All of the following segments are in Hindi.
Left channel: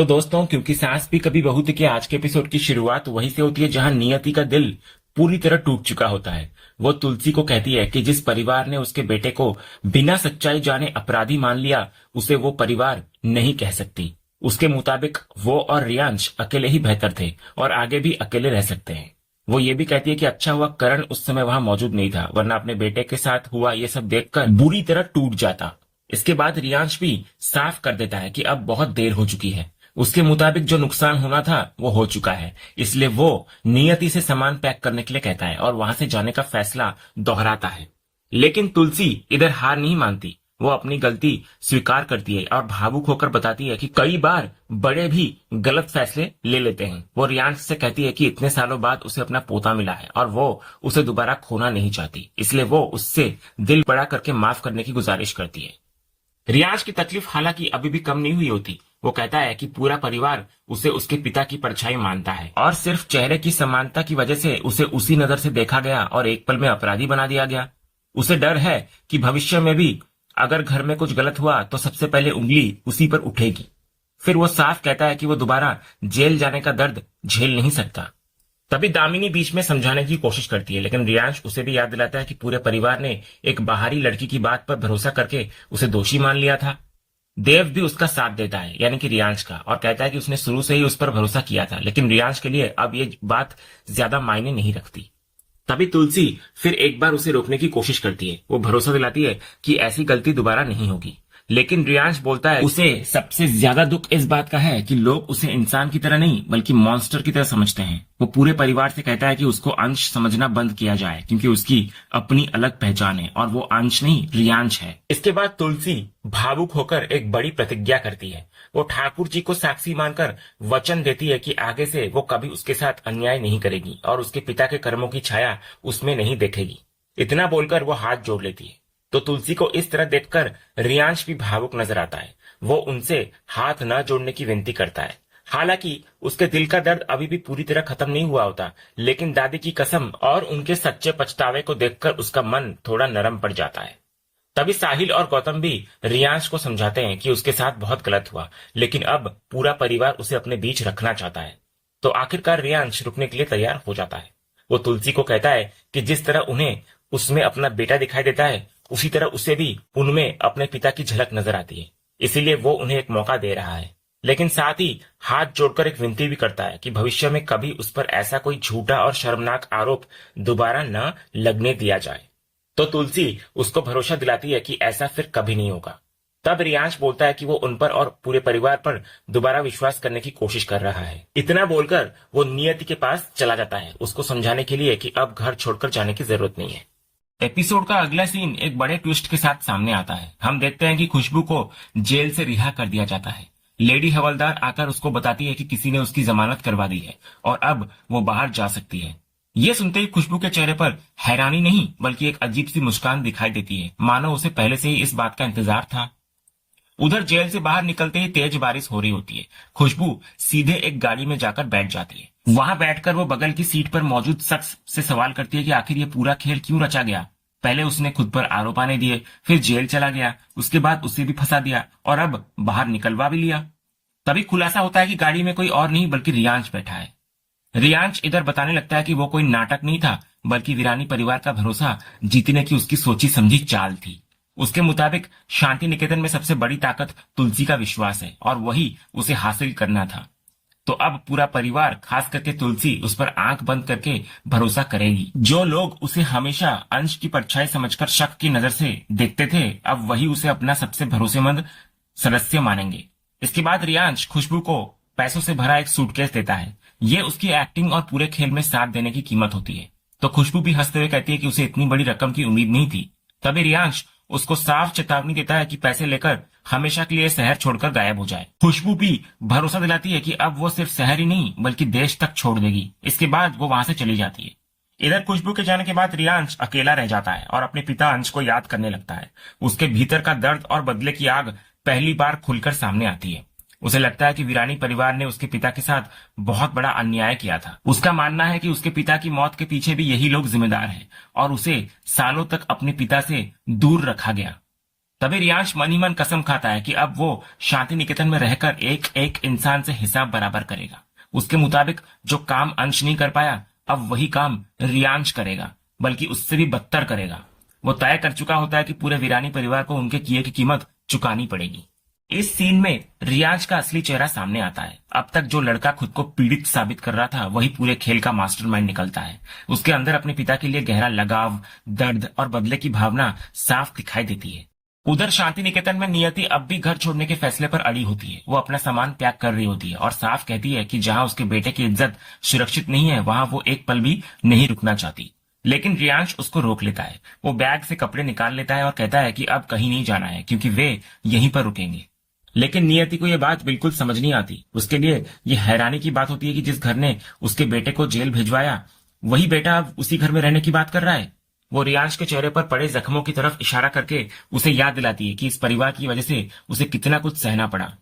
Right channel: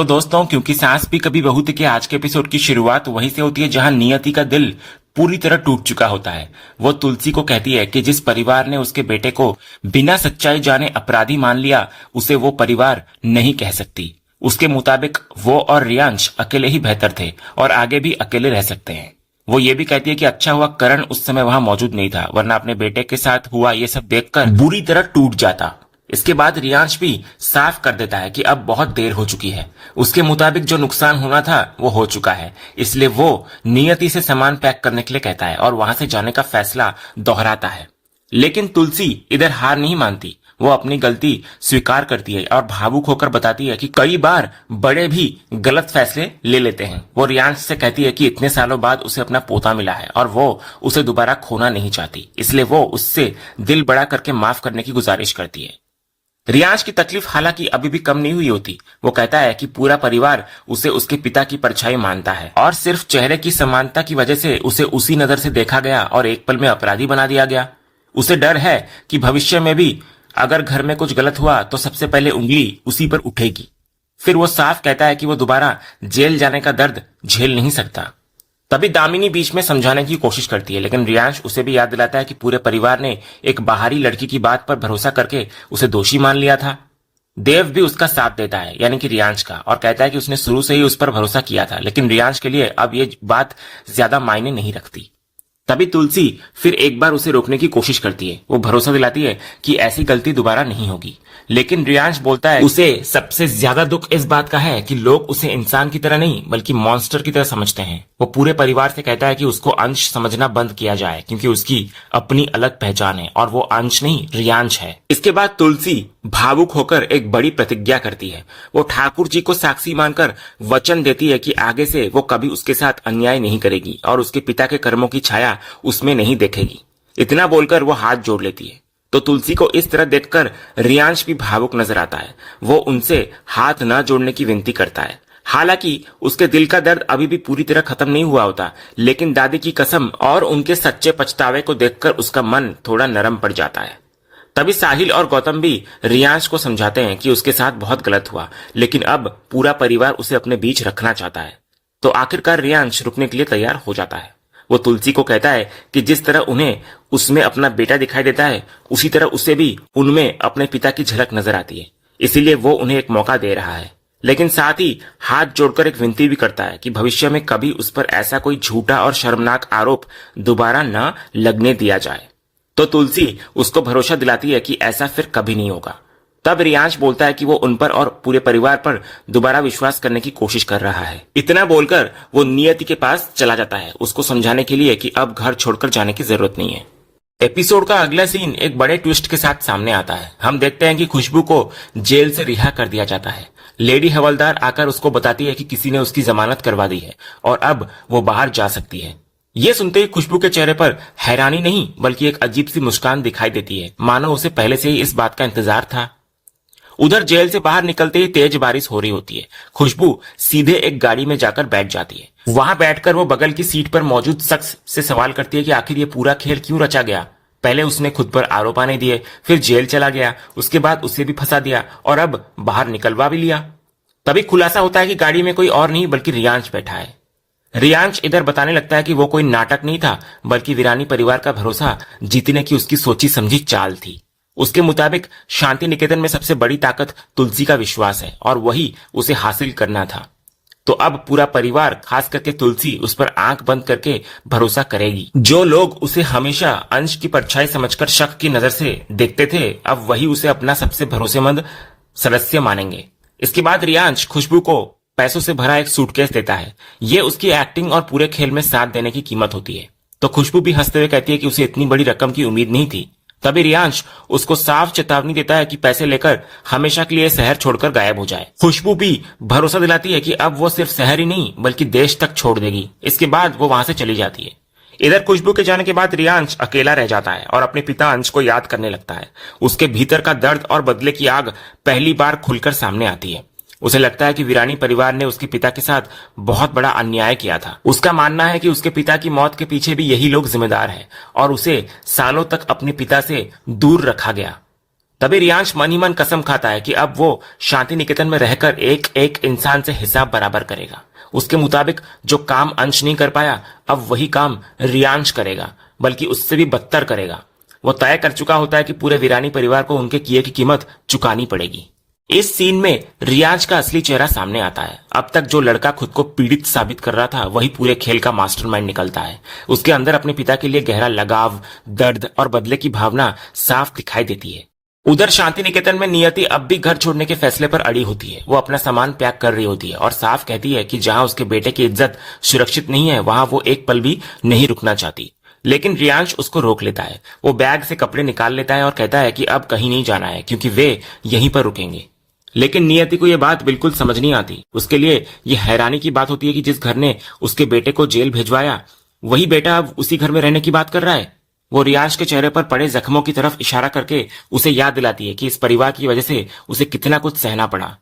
तो दोस्तों, क्योंकि सास भी कभी बहू थी के आज के एपिसोड की शुरुआत वहीं से होती है जहां नियति का दिल पूरी तरह टूट चुका होता है। वो तुलसी को कहती है कि जिस परिवार ने उसके बेटे को बिना सच्चाई जाने अपराधी मान लिया, उसे वो परिवार नहीं कह सकती। उसके मुताबिक वो और रियांश अकेले ही बेहतर थे और आगे भी अकेले रह सकते हैं। वो ये भी कहती है कि अच्छा हुआ करण उस समय वहां मौजूद नहीं था, वरना अपने बेटे के साथ हुआ ये सब देखकर बुरी तरह टूट जाता। इसके बाद रियांश भी साफ कर देता है कि अब बहुत देर हो चुकी है। उसके मुताबिक जो नुकसान होना था वो हो चुका है, इसलिए वो नियति से सामान पैक करने के लिए कहता है और वहां से जाने का फैसला दोहराता है। लेकिन तुलसी इधर हार नहीं मानती। वो अपनी गलती स्वीकार करती है और भावुक होकर बताती है कि कई बार बड़े भी गलत फैसले ले लेते हैं। वो रियांश से कहती है कि इतने सालों बाद उसे अपना पोता मिला है और वो उसे दोबारा खोना नहीं चाहती, इसलिए वो उससे दिल बड़ा करके माफ करने की गुजारिश करती है। रियांश की तकलीफ हालांकि अभी भी कम नहीं हुई होती। वो कहता है कि पूरा परिवार उसे उसके पिता की परछाई मानता है और सिर्फ चेहरे की समानता की वजह से उसे उसी नजर से देखा गया और एक पल में अपराधी बना दिया गया। उसे डर है कि भविष्य में भी अगर घर में कुछ गलत हुआ तो सबसे पहले उंगली उसी पर उठेगी। फिर वो साफ कहता है कि वो दोबारा जेल जाने का दर्द झेल नहीं सकता। तभी दामिनी बीच में समझाने की कोशिश करती है, लेकिन रियांश उसे भी याद दिलाता है कि पूरे परिवार ने एक बाहरी लड़की की बात पर भरोसा करके उसे दोषी मान लिया था। देव भी उसका साथ देता है, यानी कि रियांश का, और कहता है कि उसने शुरू से ही उस पर भरोसा किया था, लेकिन रियांश के लिए अब ये बात ज्यादा मायने नहीं रखती। तभी तुलसी फिर एक बार उसे रोकने की कोशिश करती है। वो भरोसा दिलाती है कि ऐसी गलती दोबारा नहीं होगी, लेकिन रियांश बोलता है उसे सबसे ज्यादा दुख इस बात का है कि लोग उसे इंसान की तरह नहीं बल्कि मॉन्स्टर की तरह समझते हैं। वो पूरे परिवार से कहता है कि उसको अंश समझना बंद किया जाए, क्योंकि उसकी अपनी अलग पहचान है और वो अंश नहीं रियांश है। इसके बाद तुलसी भावुक होकर एक बड़ी प्रतिज्ञा करती है। वो ठाकुर जी को साक्षी मानकर वचन देती है कि आगे से वो कभी उसके साथ अन्याय नहीं करेगी और उसके पिता के कर्मों की छाया उसमें नहीं देखेगी। इतना बोलकर वो हाथ जोड़ लेती है। तो तुलसी को इस तरह देखकर रियांश भी भावुक नजर आता है। वो उनसे हाथ न जोड़ने की विनती करता है। हालांकि उसके दिल का दर्द अभी भी पूरी तरह खत्म नहीं हुआ होता, लेकिन दादी की कसम और उनके सच्चे पछतावे को देखकर उसका मन थोड़ा नरम पड़ जाता है। तभी साहिल और गौतम भी रियांश को समझाते हैं कि उसके साथ बहुत गलत हुआ, लेकिन अब पूरा परिवार उसे अपने बीच रखना चाहता है। तो आखिरकार रियांश रुकने के लिए तैयार हो जाता है। वो तुलसी को कहता है कि जिस तरह उन्हें उसमें अपना बेटा दिखाई देता है, उसी तरह उसे भी उनमें अपने पिता की झलक नजर आती है, इसीलिए वो उन्हें एक मौका दे रहा है। लेकिन साथ ही हाथ जोड़कर एक विनती भी करता है कि भविष्य में कभी उस पर ऐसा कोई झूठा और शर्मनाक आरोप दोबारा न लगने दिया जाए। तो तुलसी उसको भरोसा दिलाती है कि ऐसा फिर कभी नहीं होगा। तब रियांश बोलता है कि वो उन पर और पूरे परिवार पर दोबारा विश्वास करने की कोशिश कर रहा है। इतना बोलकर वो नियति के पास चला जाता है, उसको समझाने के लिए कि अब घर छोड़कर जाने की जरूरत नहीं है। एपिसोड का अगला सीन एक बड़े ट्विस्ट के साथ सामने आता है। हम देखते हैं कि खुशबू को जेल से रिहा कर दिया जाता है। लेडी हवलदार आकर उसको बताती है कि किसी ने उसकी जमानत करवा दी है और अब वो बाहर जा सकती है। ये सुनते ही खुशबू के चेहरे पर हैरानी नहीं बल्कि एक अजीब सी मुस्कान दिखाई देती है, मानो उसे पहले से ही इस बात का इंतजार था। उधर जेल से बाहर निकलते ही तेज बारिश हो रही होती है। खुशबू सीधे एक गाड़ी में जाकर बैठ जाती है। वहां बैठकर वो बगल की सीट पर मौजूद शख्स से सवाल करती है कि आखिर ये पूरा खेल क्यों रचा गया। पहले उसने खुद पर आरोप आने दिए, फिर जेल चला गया, उसके बाद उसे भी फंसा दिया और अब बाहर निकलवा भी लिया। तभी खुलासा होता है कि गाड़ी में कोई और नहीं बल्कि रियांश बैठा है। रियांश इधर बताने लगता है कि वो कोई नाटक नहीं था बल्कि वीरानी परिवार का भरोसा जीतने की उसकी सोची समझी चाल थी। उसके मुताबिक शांति निकेतन में सबसे बड़ी ताकत तुलसी का विश्वास है और वही उसे हासिल करना था। तो अब पूरा परिवार, खास करके तुलसी, उस पर आंख बंद करके भरोसा करेगी। जो लोग उसे हमेशा अंश की परछाई समझकर शक की नजर से देखते थे, अब वही उसे अपना सबसे भरोसेमंद सदस्य मानेंगे। इसके बाद रियांश खुशबू को पैसों से भरा एक सूटकेस देता है। ये उसकी एक्टिंग और पूरे खेल में साथ देने की कीमत होती है। तो खुशबू भी हंसते हुए कहती है कि उसे इतनी बड़ी रकम की उम्मीद नहीं थी। तभी रियांश उसको साफ चेतावनी देता है कि पैसे लेकर हमेशा के लिए शहर छोड़कर गायब हो जाए। खुशबू भी भरोसा दिलाती है कि अब वो सिर्फ शहर ही नहीं बल्कि देश तक छोड़ देगी। इसके बाद वो वहां से चली जाती है। इधर खुशबू के जाने के बाद रियांश अकेला रह जाता है और अपने पिता अंश को याद करने लगता है। उसके भीतर का दर्द और बदले की आग पहली बार खुलकर सामने आती है। उसे लगता है कि वीरानी परिवार ने उसके पिता के साथ बहुत बड़ा अन्याय किया था। उसका मानना है कि उसके पिता की मौत के पीछे भी यही लोग जिम्मेदार हैं और उसे सालों तक अपने पिता से दूर रखा गया। तभी रियांश मन ही मन कसम खाता है कि अब वो शांति निकेतन में रहकर एक एक इंसान से हिसाब बराबर करेगा। उसके मुताबिक जो काम अंश नहीं कर पाया, अब वही काम रियांश करेगा, बल्कि उससे भी बदतर करेगा। वो तय कर चुका होता है कि पूरे वीरानी परिवार को उनके किए की कीमत चुकानी पड़ेगी। इस सीन में रियाज का असली चेहरा सामने आता है। अब तक जो लड़का खुद को पीड़ित साबित कर रहा था, वही पूरे खेल का मास्टरमाइंड निकलता है। उसके अंदर अपने पिता के लिए गहरा लगाव, दर्द और बदले की भावना साफ दिखाई देती है। उधर शांति निकेतन में नियति अब भी घर छोड़ने के फैसले पर अड़ी होती है। वो अपना सामान पैक कर रही होती है और साफ कहती है कि जहां उसके बेटे की इज्जत सुरक्षित नहीं है, वहां वो एक पल भी नहीं रुकना चाहती। लेकिन रियांश उसको रोक लेता है। वो बैग से कपड़े निकाल लेता है और कहता है कि अब कहीं नहीं जाना है, क्योंकि वे यहीं पर रुकेंगे। लेकिन नियति को यह बात बिल्कुल समझ नहीं आती। उसके लिए यह हैरानी की बात होती है कि जिस घर ने उसके बेटे को जेल भिजवाया, वही बेटा अब उसी घर में रहने की बात कर रहा है। वो रियांश के चेहरे पर पड़े जख्मों की तरफ इशारा करके उसे याद दिलाती है कि इस परिवार की वजह से उसे कितना कुछ सहना पड़ा।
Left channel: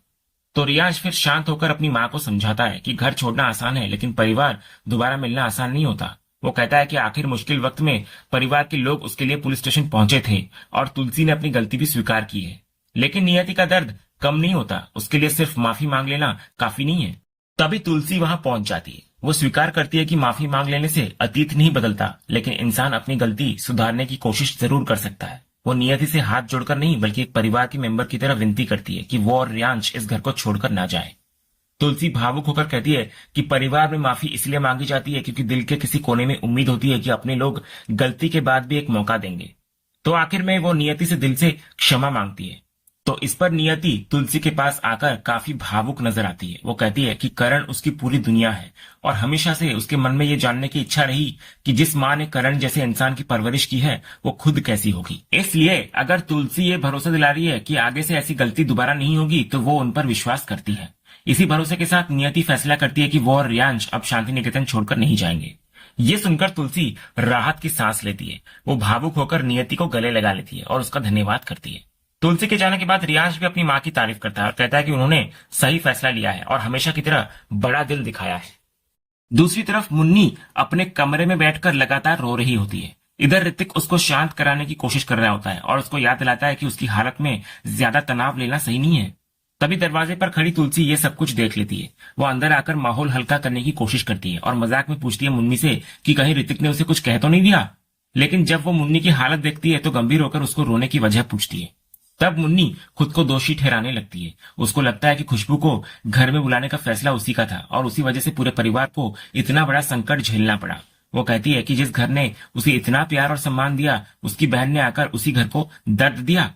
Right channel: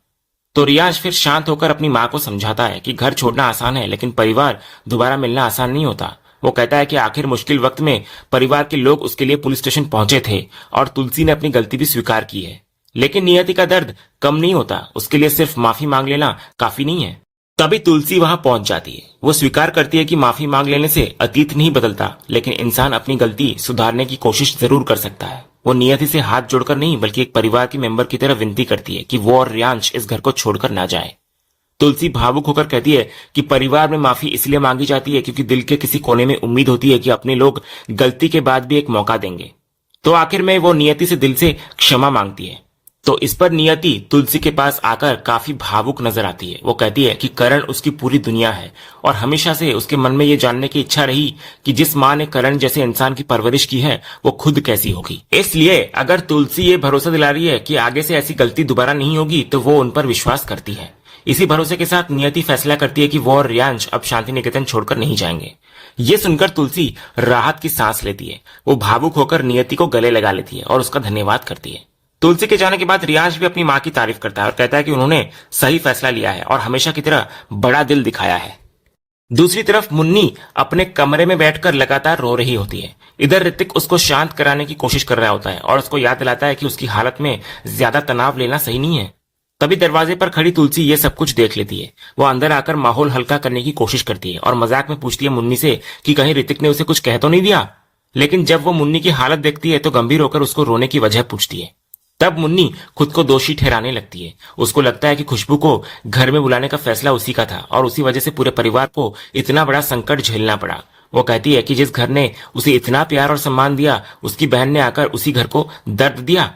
तो रियांश फिर शांत होकर अपनी माँ को समझाता है कि घर छोड़ना आसान है, लेकिन परिवार दोबारा मिलना आसान नहीं होता। वो कहता है कि आखिर मुश्किल वक्त में परिवार के लोग उसके लिए पुलिस स्टेशन पहुंचे थे और तुलसी ने अपनी गलती भी स्वीकार की है। लेकिन नियति का दर्द कम नहीं होता। उसके लिए सिर्फ माफी मांग लेना काफी नहीं है। तभी तुलसी वहां पहुंच जाती है। वो स्वीकार करती है कि माफी मांग लेने से अतीत नहीं बदलता, लेकिन इंसान अपनी गलती सुधारने की कोशिश जरूर कर सकता है। वो नियति से हाथ जोड़कर नहीं, बल्कि एक परिवार के मेंबर की तरह विनती करती है कि वो और रियांश इस घर को छोड़कर ना जाए। तुलसी भावुक होकर कहती है कि परिवार में माफी इसलिए मांगी जाती है क्योंकि दिल के किसी कोने में उम्मीद होती है कि अपने लोग गलती के बाद भी एक मौका देंगे। तो आखिर में वो नियति से दिल से क्षमा मांगती है। तो इस पर नियति तुलसी के पास आकर काफी भावुक नजर आती है। वो कहती है कि करण उसकी पूरी दुनिया है और हमेशा से उसके मन में ये जानने की इच्छा रही कि जिस माँ ने करण जैसे इंसान की परवरिश की है, वो खुद कैसी होगी। इसलिए अगर तुलसी ये भरोसा दिला रही है कि आगे से ऐसी गलती दोबारा नहीं होगी, तो वो उन पर विश्वास करती है। इसी भरोसे के साथ नियति फैसला करती है कि वो और रियांश अब शांति निकेतन छोड़कर नहीं जाएंगे। ये सुनकर तुलसी राहत की सांस लेती है। वो भावुक होकर नियति को गले लगा लेती है और उसका धन्यवाद करती है। तुलसी के जाने के बाद रियांश भी अपनी माँ की तारीफ करता है और कहता है कि उन्होंने सही फैसला लिया है और हमेशा की तरह बड़ा दिल दिखाया है। दूसरी तरफ मुन्नी अपने कमरे में बैठकर लगातार रो रही होती है। इधर ऋतिक उसको शांत कराने की कोशिश कर रहा होता है और उसको याद दिलाता है कि उसकी हालत में ज्यादा तनाव लेना सही नहीं है। तभी दरवाजे पर खड़ी तुलसी ये सब कुछ देख लेती है। वो अंदर आकर माहौल हल्का करने की कोशिश करती है और मजाक में पूछती है मुन्नी से कि कहीं ऋतिक ने उसे कुछ कह तो नहीं दिया। लेकिन जब वो मुन्नी की हालत देखती है तो गंभीर होकर उसको रोने की वजह पूछती है। तब मुन्नी खुद को दोषी ठहराने लगती है। उसको लगता है कि खुशबू को घर में बुलाने का फैसला उसी का था और उसी वजह से पूरे परिवार को इतना बड़ा संकट झेलना पड़ा। वो कहती है कि जिस घर ने उसे इतना प्यार और सम्मान दिया, उसकी बहन ने आकर उसी घर को दर्द दिया।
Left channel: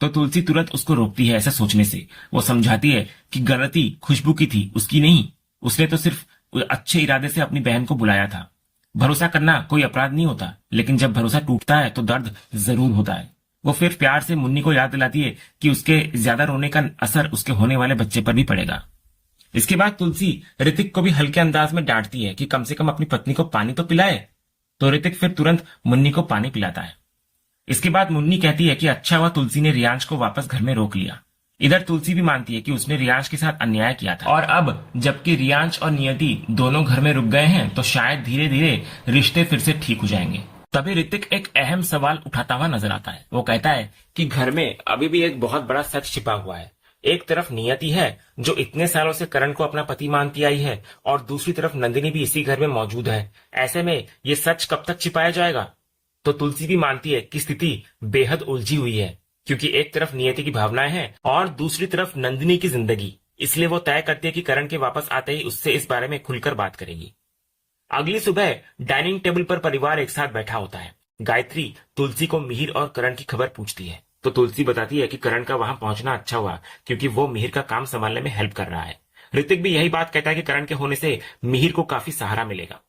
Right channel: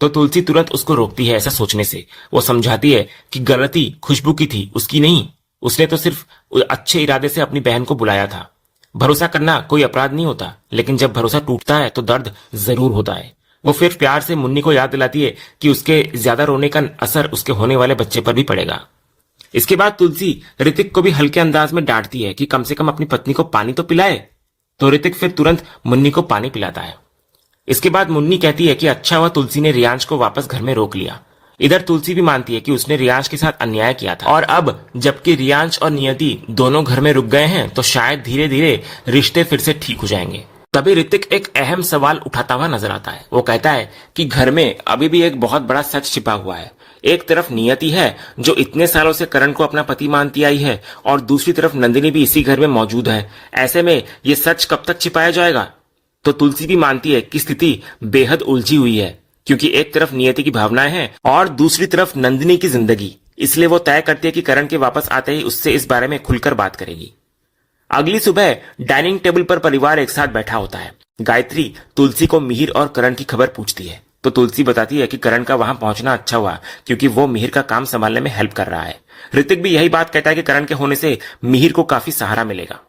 तो तुलसी तुरंत उसको रोकती है ऐसा सोचने से। वो समझाती है कि गलती खुशबू की थी, उसकी नहीं। उसने तो सिर्फ अच्छे इरादे से अपनी बहन को बुलाया था। भरोसा करना कोई अपराध नहीं होता, लेकिन जब भरोसा टूटता है तो दर्द जरूर होता है। वो फिर प्यार से मुन्नी को याद दिलाती है कि उसके ज्यादा रोने का असर उसके होने वाले बच्चे पर भी पड़ेगा। इसके बाद तुलसी ऋतिक को भी हल्के अंदाज में डांटती है कि कम से कम अपनी पत्नी को पानी तो पिलाए। तो ऋतिक फिर तुरंत मुन्नी को पानी पिलाता है। इसके बाद मुन्नी कहती है कि अच्छा हुआ तुलसी ने रियांश को वापस घर में रोक लिया। इधर तुलसी भी मानती है कि उसने रियांश के साथ अन्याय किया था और अब जबकि रियांश और नियति दोनों घर में रुक गए हैं, तो शायद धीरे धीरे रिश्ते फिर से ठीक हो जाएंगे। तभी ऋतिक एक अहम सवाल उठाता हुआ नजर आता है। वो कहता है कि घर में अभी भी एक बहुत बड़ा सच छिपा हुआ है। एक तरफ नियति है जो इतने सालों से करण को अपना पति मानती आई है और दूसरी तरफ नंदिनी भी इसी घर में मौजूद है। ऐसे में ये सच कब तक छिपाया जाएगा? तो तुलसी भी मानती है कि स्थिति बेहद उलझी हुई है, क्योंकि एक तरफ नियति की भावनाएं हैं और दूसरी तरफ नंदिनी की जिंदगी। इसलिए वो तय करती है कि करण के वापस आते ही उससे इस बारे में खुलकर बात करेगी। अगली सुबह डाइनिंग टेबल पर परिवार एक साथ बैठा होता है। गायत्री तुलसी को मिहिर और करण की खबर पूछती है, तो तुलसी बताती है कि करण का वहां पहुंचना अच्छा हुआ, क्योंकि वो मिहिर का काम संभालने में हेल्प कर रहा है। ऋतिक भी यही बात कहता है कि करण के होने से मिहिर को काफी सहारा मिलेगा।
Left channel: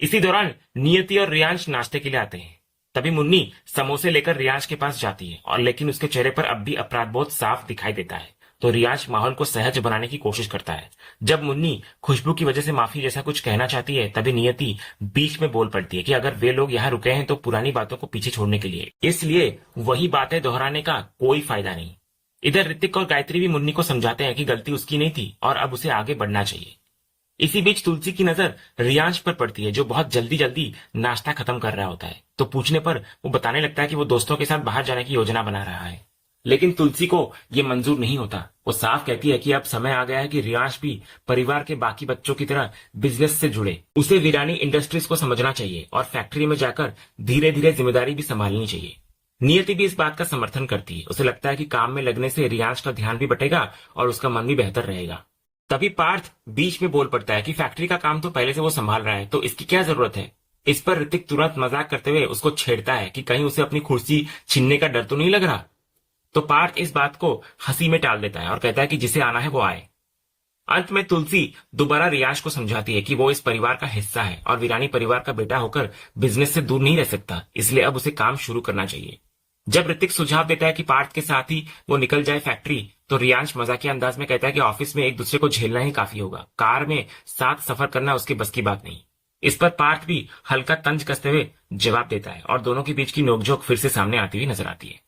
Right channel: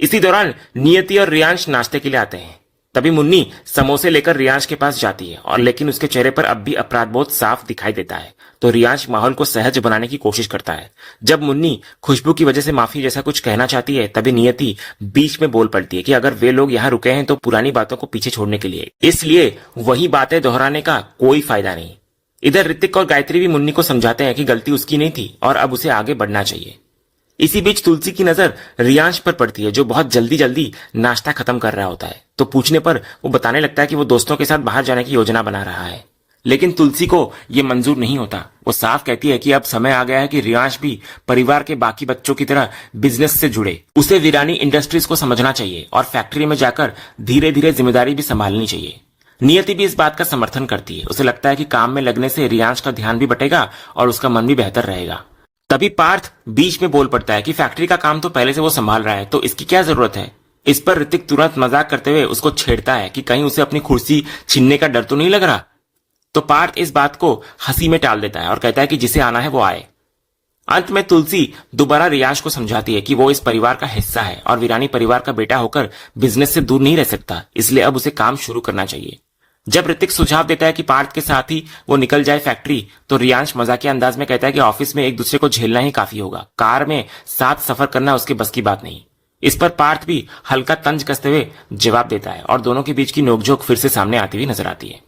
इसी दौरान नियति और रियांश नाश्ते के लिए आते हैं। तभी मुन्नी समोसे लेकर रियांश के पास जाती है और लेकिन उसके चेहरे पर अब भी अपराध बोध साफ दिखाई देता है। तो रियांश माहौल को सहज बनाने की कोशिश करता है। जब मुन्नी खुशबू की वजह से माफी जैसा कुछ कहना चाहती है, तभी नियति बीच में बोल पड़ती है कि अगर वे लोग यहाँ रुके हैं तो पुरानी बातों को पीछे छोड़ने के लिए, इसलिए वही बातें दोहराने का कोई फायदा नहीं। इधर ऋतिक और गायत्री भी मुन्नी को समझाते हैं कि गलती उसकी नहीं थी और अब उसे आगे बढ़ना चाहिए। इसी बीच तुलसी की नजर रियांश पर पड़ती है, जो बहुत जल्दी जल्दी नाश्ता खत्म कर रहा होता है। तो पूछने पर वो बताने लगता है कि वो दोस्तों के साथ बाहर जाने की योजना बना रहा है। लेकिन तुलसी को ये मंजूर नहीं होता। वो साफ कहती है कि अब समय आ गया है कि रियांश भी परिवार के बाकी बच्चों की तरह बिजनेस से जुड़े। उसे वीरानी इंडस्ट्रीज को समझना चाहिए और फैक्ट्री में जाकर धीरे धीरे जिम्मेदारी भी संभालनी चाहिए। नियति भी इस बात का समर्थन करती है। उसे लगता है कि काम में लगने से रियांश का ध्यान भी बटेगा और उसका मन भी बेहतर रहेगा। तभी पार्थ बीच में बोल पड़ता है कि फैक्ट्री का काम तो पहले से वो संभाल रहा है, तो इसकी क्या जरूरत है। इस पर ऋतिक तुरंत मजाक करते हुए उसको छेड़ता है कि कहीं उसे अपनी कुर्सी छीनने का डर तो नहीं लग रहा। तो पार्थ इस बात को हंसी में टाल देता है और कहता है कि जिसे आना है वो आए। अंत में तुलसी दोबारा रियांश को समझाती है कि वो इस परिवार का हिस्सा है और वीरानी परिवार का बेटा होकर बिजनेस से दूर नहीं रह सकता, इसलिए अब उसे काम शुरू करना चाहिए। जब ऋतिक सुझाव देता है कि पार्थ के साथ ही वो निकल जाए फैक्ट्री, तो रियांश मजाकिया अंदाज में कहता है कि ऑफिस में एक दूसरे को झेलना ही काफी होगा, कार में साथ सफर करना उसके बस की बात नहीं। इस पर पार्थ भी हल्का तंज कसते हुए जवाब देता है और दोनों के बीच की नोकझोंक फिर से सामने आती हुई नजर आती है।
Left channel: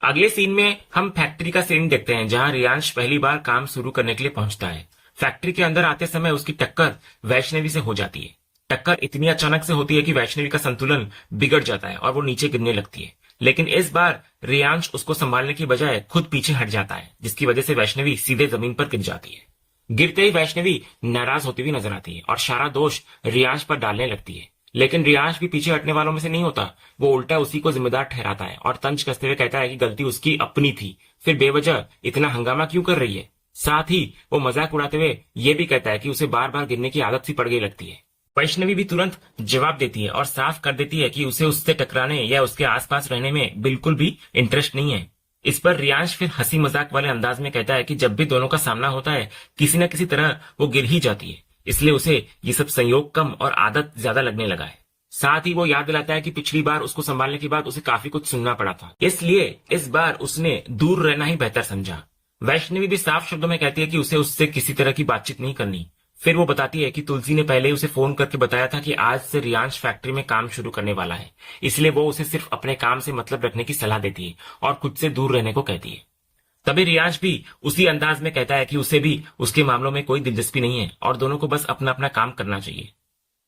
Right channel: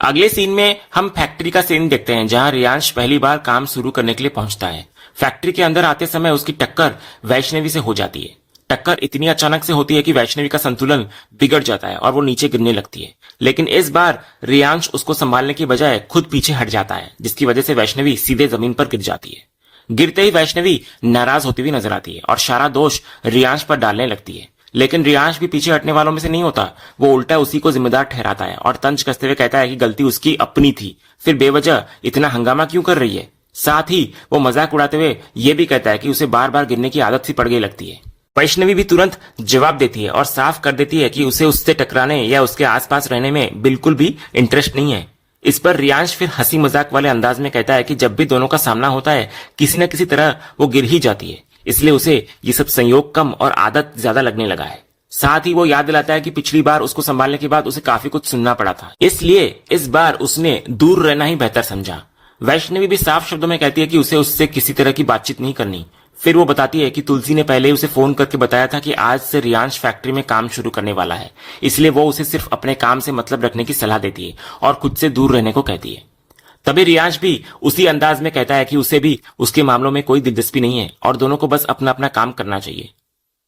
अगले सीन में हम फैक्ट्री का सीन देखते हैं जहां रियांश पहली बार काम शुरू करने के लिए पहुंचता है। फैक्ट्री के अंदर आते समय उसकी टक्कर वैष्णवी से हो जाती है। टक्कर इतनी अचानक से होती है कि वैष्णवी का संतुलन बिगड़ जाता है और वो नीचे गिरने लगती है। लेकिन इस बार रियांश उसको संभालने की बजाय खुद पीछे हट जाता है, जिसकी वजह से वैष्णवी सीधे जमीन पर गिर जाती है। गिरते ही वैष्णवी नाराज होती हुई नजर आती है और सारा दोष रियांश पर डालने लगती है। लेकिन रियांश भी पीछे हटने वालों में से नहीं होता। वो उल्टा उसी को जिम्मेदार ठहराता है और तंज कसते हुए कहता है कि गलती उसकी अपनी थी, फिर बेवजह इतना हंगामा क्यों कर रही है। साथ ही वो मजाक उड़ाते हुए ये भी कहता है कि उसे बार बार गिरने की आदत सी पड़ गई लगती है। वैष्णवी भी तुरंत जवाब देती है और साफ कर देती है कि उसे उससे टकराने या उसके आसपास रहने में बिल्कुल भी इंटरेस्ट नहीं है। इस पर रियांश फिर हंसी मजाक वाले अंदाज में कहता है कि जब भी दोनों का सामना होता है किसी न किसी तरह वो गिर ही जाती है, इसलिए उसे ये सब संयोग कम और आदत ज्यादा लगने लगा है। साथ ही वो याद दिलाता है कि पिछली बार उसको संभालने के बाद उसे काफी कुछ सुनना पड़ा था, इसलिए इस बार उसने दूर रहना ही बेहतर समझा। वैष्णवी भी साफ शब्दों में कहती है कि उसे उससे किसी तरह की बातचीत नहीं करनी। फिर वो बताती है कि तुलसी ने पहले उसे फोन करके बताया था कि आज से रियांश फैक्ट्री में काम शुरू करने वाला है, इसलिए वो उसे सिर्फ अपने काम से मतलब रखने की सलाह देती है और खुद से दूर रहने को कहती है। तभी रियांश भी उसी अंदाज में कहता है कि उसे भी उसके मामलों में कोई दिलचस्पी नहीं है और दोनों को बस अपना अपना काम करना चाहिए।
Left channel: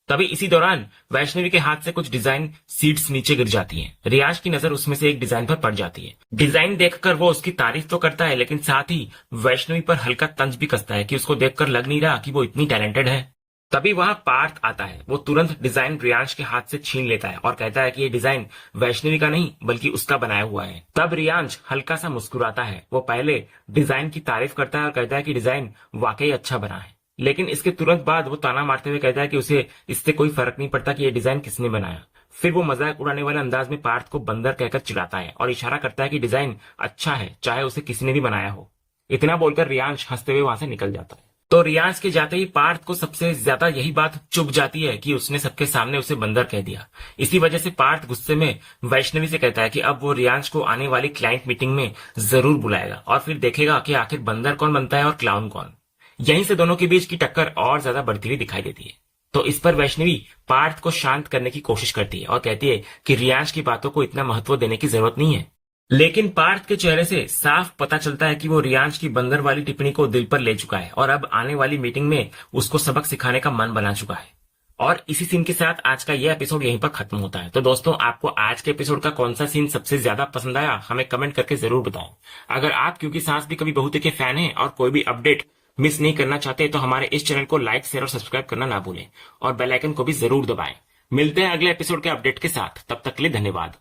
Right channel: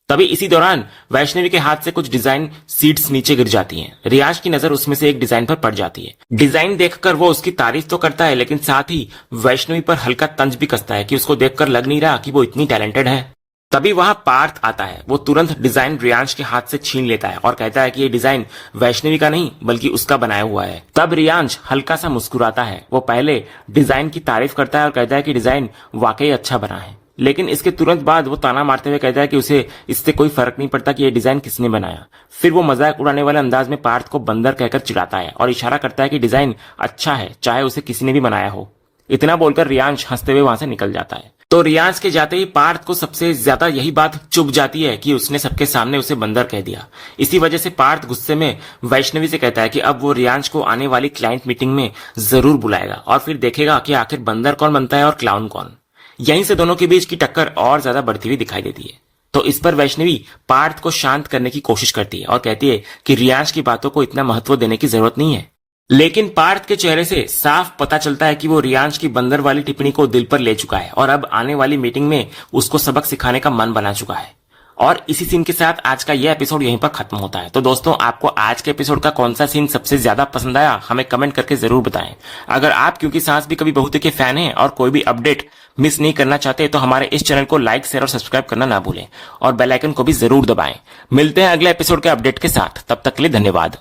तभी इसी दौरान वैष्णवी के हाथ से कुछ डिजाइन सीट्स नीचे गिर जाती हैं। रियांश की नजर उसमें से एक डिजाइन पर पड़ जाती है। डिजाइन देखकर वो उसकी तारीफ तो करता है, लेकिन साथ ही वैष्णवी पर हल्का तंज भी कसता है कि उसको देखकर लग नहीं रहा कि वो इतनी टैलेंटेड है। तभी वहां पार्थ आता है। वो तुरंत डिजाइन रियांश के हाथ से छीन लेता है और कहता है कि ये डिजाइन वैष्णवी का नहीं बल्कि उसका बनाया हुआ है। तब रियांश हल्का सा मुस्कुराता है। वो पहले डिजाइन की तारीफ करता है और कहता है कि डिजाइन वाकई अच्छा बना है, लेकिन इसके तुरंत बाद वो ताना मारते हुए कहता है कि उसे इससे कोई फर्क नहीं पड़ता कि ये डिजाइन किसने बनाया। फिर वो मजाक उड़ाने वाले अंदाज में पार्थ को बंदर कहकर चिढ़ाता है और इशारा करता है कि डिजाइन अच्छा है, चाहे उसे किसी ने भी बनाया हो। इतना बोलकर रियांश हंसते हुए वहां से निकल जाता है। तो रियांश के जाते ही पार्थ को सबसे ज्यादा यही बात चुभ जाती है कि उसने सबके सामने उसे बंदर कह दिया। इसी वजह से पार्थ गुस्से में वैष्णवी से कहता है कि अब वो रियांश को आने वाली क्लाइंट मीटिंग में जरूर बुलाएगा और फिर देखेगा कि आखिर बंदर कौन बनता है और क्लाउन कौन। यहीं से दोनों के बीच की टक्कर और ज्यादा बढ़ती हुई दिखाई देती है। तो इस पर वैष्णवी पार्थ को शांत करने की कोशिश करती है और कहती है कि रियांश की बातों को इतना महत्व देने की जरूरत नहीं है। लेकिन पार्थ के चेहरे से साफ पता चलता है कि वो रियांश की बंदर वाली टिप्पणी को दिल पर ले चुका है और अब आने वाली मीटिंग में उसको सबक सिखाने का मन बना चुका है। और इसी सीन के साथ आज का यह एपिसोड यहीं पर खत्म होता है। तो दोस्तों, आपको आज के एपिसोड का कौन सा सीन सबसे ज्यादा पसंद आया हमें कमेंट करके जरूर बताएं। अगर आप क्योंकि सांस भी कभी बहुते के फैन हैं और कोई भी अपडेट मिस नहीं करना चाहते तो हमारे इस चैनल को लाइक, शेयर और सब्सक्राइब करना ना भूलें और बेल आइकन को भी जरूर दबाएं। मिलते हैं अगले एपिसोड के अपडेट के साथ, तब तक के लिए धन्यवाद।